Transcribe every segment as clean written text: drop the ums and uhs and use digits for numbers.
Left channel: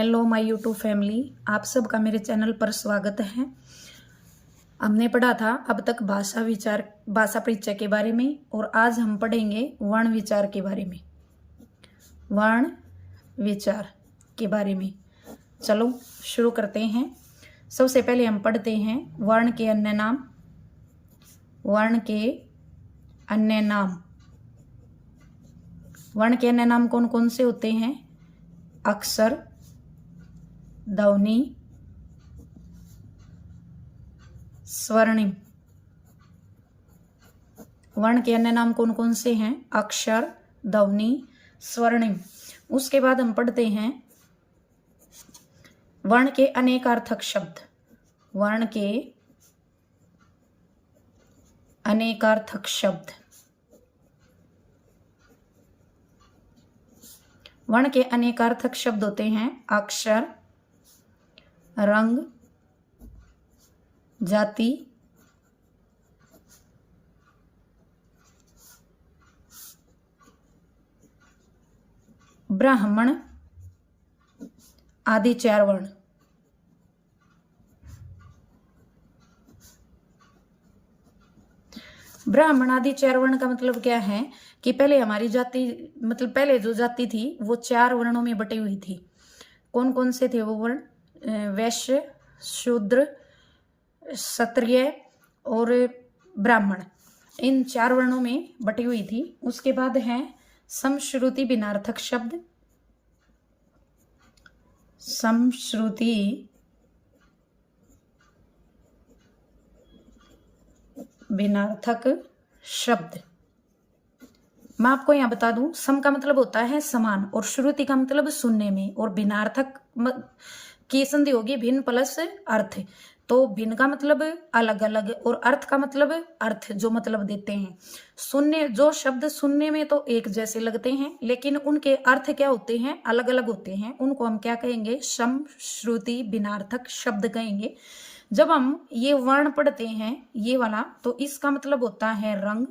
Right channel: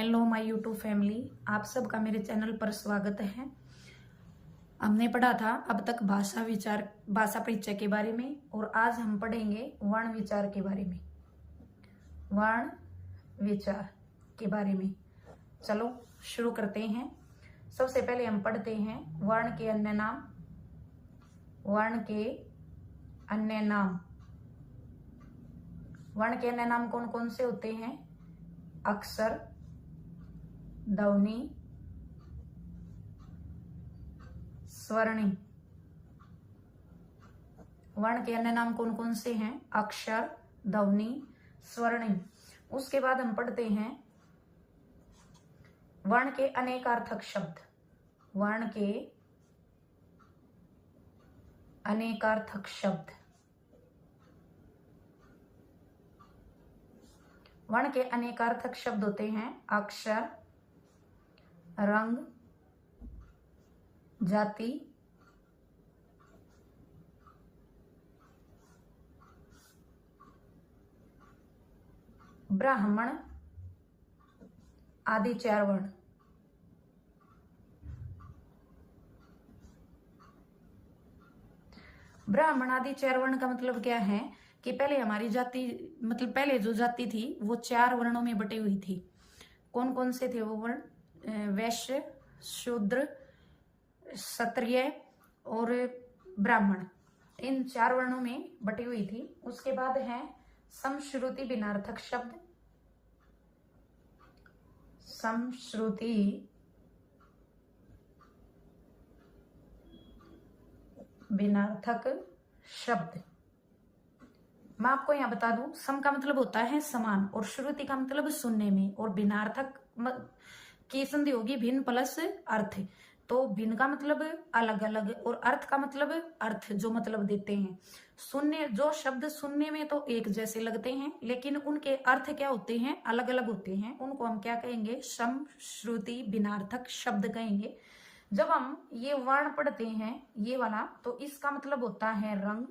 Hello my YouTube family, आप सबका मेरे चैनल पर स्वागत है। हमने पढ़ा था अब तक भाषा परिचय के बारे में और आज हम पढ़ेंगे वर्ण विचार के बारे में। वर्ण विचार के बारे में चलो शुरू करते हैं। सबसे पहले हम पढ़ते हैं वर्ण के अन्य नाम। वर्ण के अन्य नाम। वर्ण के अन्य नाम कौन कौन से होते हैं? अक्षर, ध्वनि, स्वर्णिम। वर्ण के अन्य नाम कौन कौन से हैं? अक्षर, ध्वनि, स्वर्णिम। उसके बाद हम पढ़ते हैं वर्ण के अनेकार्थक शब्द। वर्ण के अनेकार्थक शब्द। वर्ण के अनेकार्थक शब्द होते हैं अक्षर, रंग, जाति, ब्राह्मण आदि चार वर्ण। ब्राह्मण आदि चार वर्ण का मतलब क्या है कि पहले हमारी जाति पहले जो जाति थी वो चार वर्णों में बटी हुई थी। कौन कौन से थे वो वर्ण? वैश्य, शूद्र, क्षत्रिय और ब्राह्मण। इन चार वर्णों में बटी हुई थी। उसके बाद है समश्रुति भिन्नार्थक शब्द। समश्रुति भिन्नार्थक शब्द। मैं आपको यहां बता दूं, सम का मतलब होता है समान और श्रुति का मतलब सुनने में, और भिन्नार्थक की संधि होगी भिन्न प्लस अर्थ। तो भिन्न का मतलब अलग अलग और अर्थ का मतलब अर्थ जो मतलब देते हैं। सुनने जो शब्द सुनने में तो एक जैसे लगते हैं लेकिन उनके अर्थ क्या होते हैं? अलग अलग होते हैं। उनको हम क्या कहेंगे? सम श्रुति भिन्नार्थक शब्द कहेंगे। जब हम ये वर्ण पढ़ते हैं ये वाला, तो इसका मतलब होता है रंग,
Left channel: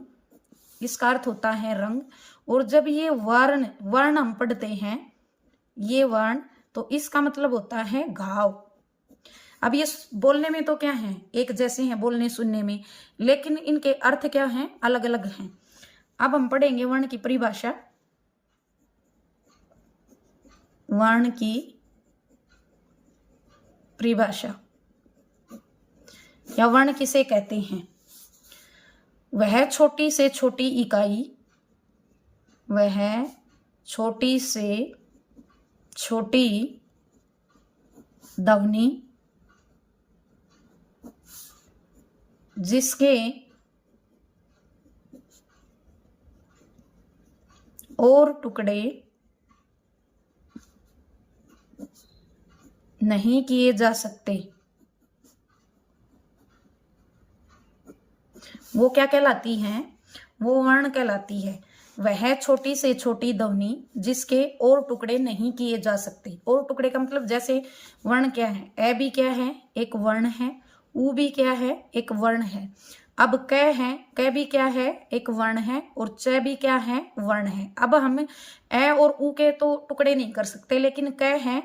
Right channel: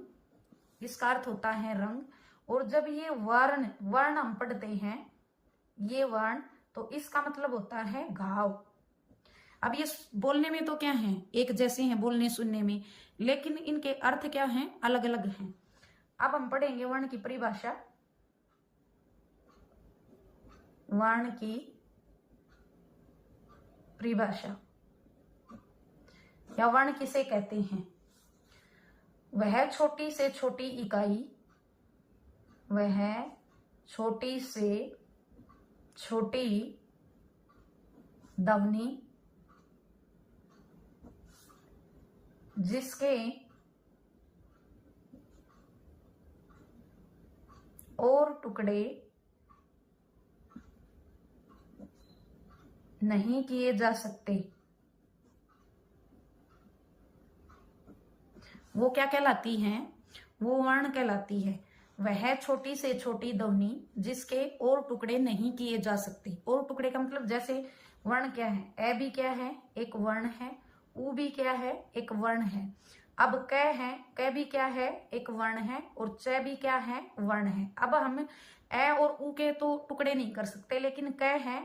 इसका अर्थ होता है रंग। और जब ये वर्ण हम पढ़ते हैं ये वर्ण, तो इसका मतलब होता है घाव। अब ये बोलने में तो क्या है? एक जैसे हैं बोलने सुनने में, लेकिन इनके अर्थ क्या हैं? अलग अलग हैं। अब हम पढ़ेंगे वर्ण की परिभाषा। वर्ण की परिभाषा या वर्ण किसे कहते हैं? वह छोटी से छोटी इकाई, वह छोटी से छोटी ध्वनि जिसके और टुकड़े नहीं किए जा सकते, वो क्या कहलाती है? वो वर्ण कहलाती है। वह छोटी से छोटी ध्वनि जिसके और टुकड़े नहीं किए जा सकते। और टुकड़े का मतलब जैसे वर्ण क्या है? ए भी क्या है? एक वर्ण है। ऊ भी क्या है? एक वर्ण है। अब क है, क भी क्या है? एक वर्ण है। और च भी क्या है? वर्ण है। अब हम ए और ऊ के तो टुकड़े नहीं कर सकते, लेकिन क है,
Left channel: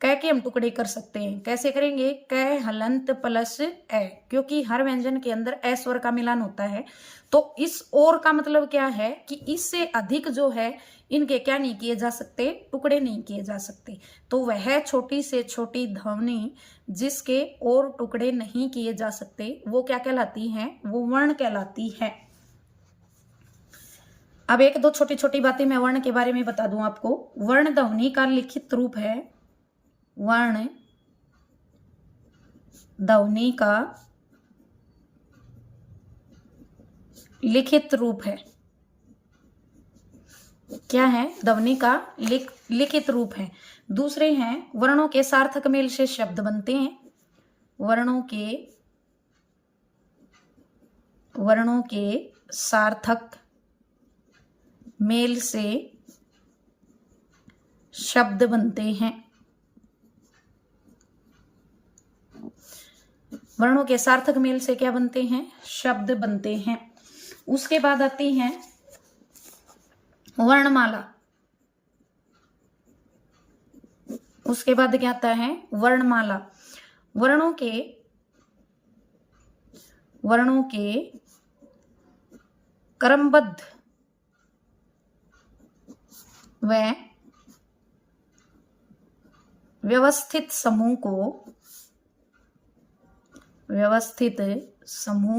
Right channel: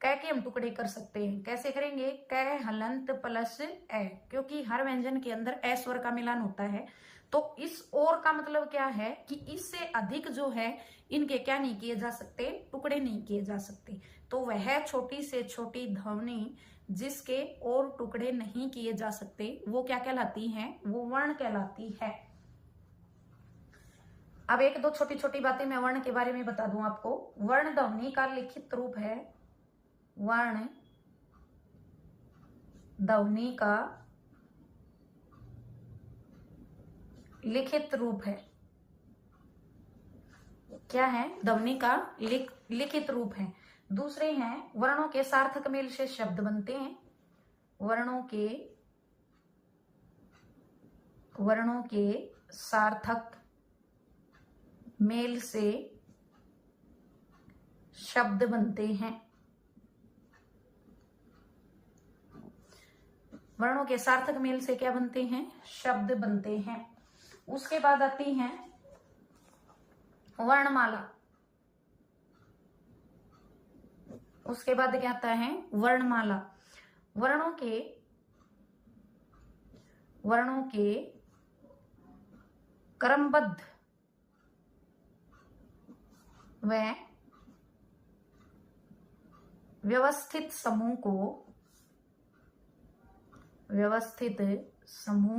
क के हम टुकड़े कर सकते हैं। कैसे करेंगे? क हलंत प्लस ए, क्योंकि हर व्यंजन के अंदर ए स्वर का मिलान होता है। तो इस और का मतलब क्या है कि इससे अधिक जो है इनके क्या नहीं किए जा सकते? टुकड़े नहीं किए जा सकते। तो वह छोटी से छोटी ध्वनि जिसके और टुकड़े नहीं किए जा सकते वो क्या कहलाती है? वो वर्ण कहलाती है। अब एक दो छोटी छोटी बातें मैं वर्ण के बारे में बता दूं आपको। वर्ण ध्वनि का लिखित रूप है। वर्ण ध्वनि का लिखित रूप है। क्या है? ध्वनि का लिखित रूप है। दूसरे हैं वर्णों के सार्थक मेल से शब्द बनते हैं। वर्णों के सार्थक मेल से शब्द बनते हैं। वर्णों के सार्थक मेल से क्या बनते हैं? शब्द बनते हैं। उसके बाद आती है वर्णमाला। उसके बाद क्या आता है वर्णमाला। वर्णों के क्रमबद्ध व व्यवस्थित समूह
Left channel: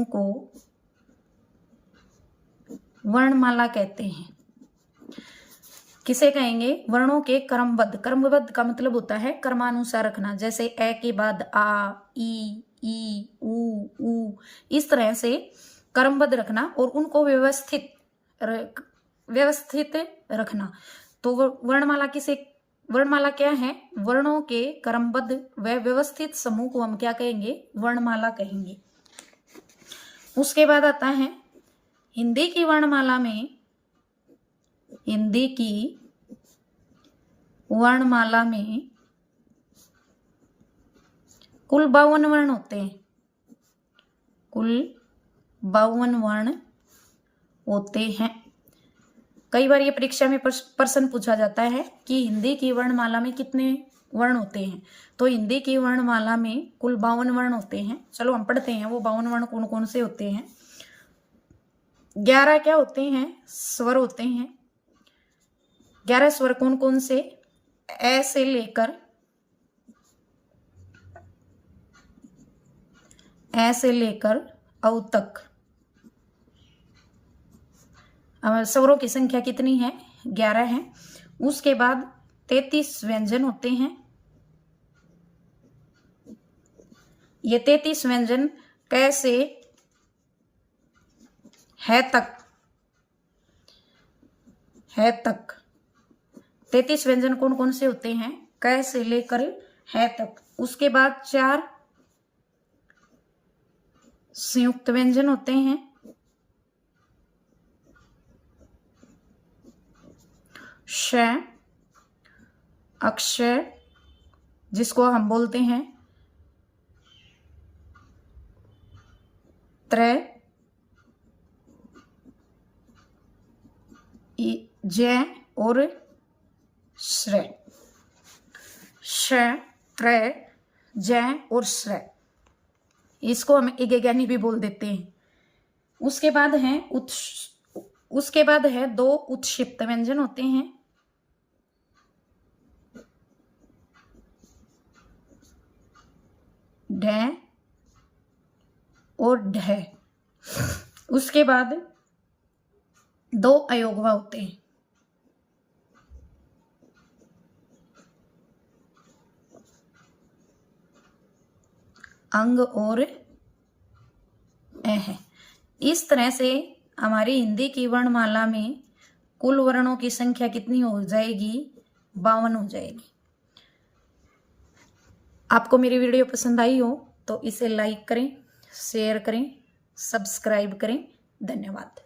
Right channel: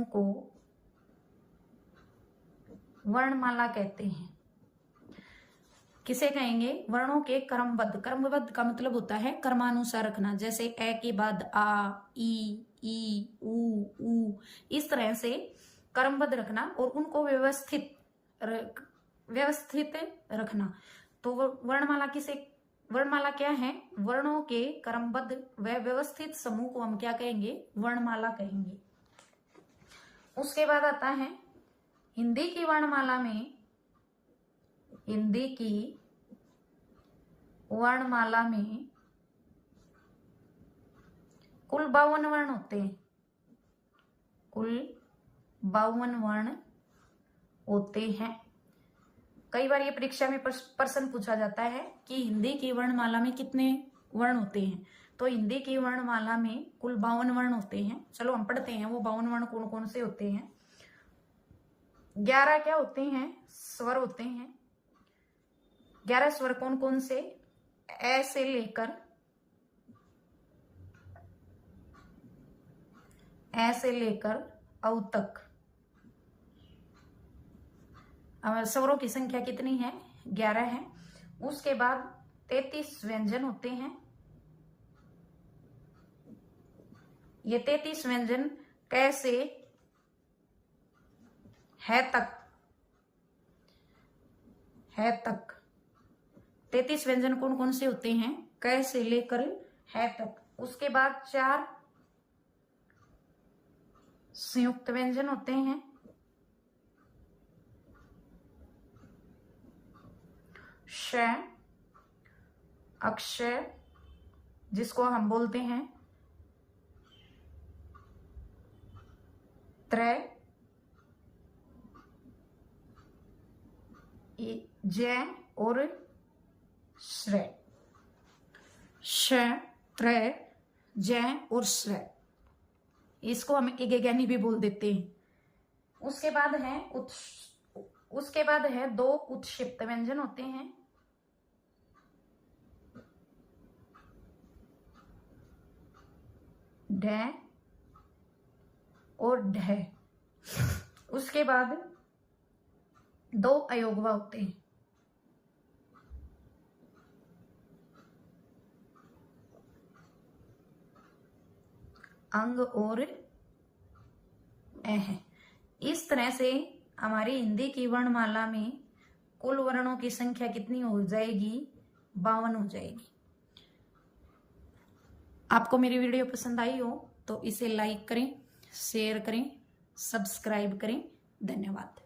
को वर्णमाला कहते हैं। किसे कहेंगे? वर्णों के क्रमबद्ध। क्रमबद्ध का मतलब होता है क्रमानुसार रखना, जैसे ए के बाद आ, ई, ऊ, इस तरह से क्रमबद्ध रखना और उनको व्यवस्थित रखना। तो वर्णमाला क्या है? वर्णों के क्रमबद्ध व व्यवस्थित समूह को हम क्या कहेंगे? वर्णमाला कहेंगे। उसके बाद आता है हिंदी की वर्णमाला में कुल 52 वर्ण होते हैं। कुल 52 वर्ण होते हैं। कई बार ये परीक्षा में प्रश्न पूछा जाता है कि हिंदी की वर्णमाला में कितने वर्ण होते हैं। तो हिंदी की वर्णमाला में कुल 52 वर्ण होते हैं। चलो हम पढ़ते हैं वो 52 वर्ण कौन कौन से होते हैं। 11 क्या होते हैं? स्वर होते हैं। 11 स्वर कौन कौन से? ए से लेकर औ तक। स्वरों की संख्या कितनी है? 11 है। उसके बाद 33 व्यंजन होते हैं। ये 33 व्यंजन कैसे है तक 33 व्यंजन कौन कौन से होते हैं? क से लेकर है तक। उसके बाद 4 संयुक्त व्यंजन होते हैं। श अक्षर जिसको हम बोलते हैं त्र, ज और श्र। श, त्र, ज और श्र, इसको हम इगेगानी भी बोल देते हैं। उसके बाद है 2 उत्क्षिप्त व्यंजन होते हैं। ढ और ढ। उसके बाद 2 अयोगवा होते हैं। अंग और अह। इस तरह से हमारी हिंदी की वर्णमाला में कुल वर्णों की संख्या कितनी हो जाएगी? 52 हो जाएगी। आपको मेरी वीडियो पसंद आई हो तो इसे लाइक करें, शेयर करें, सब्सक्राइब करें। धन्यवाद।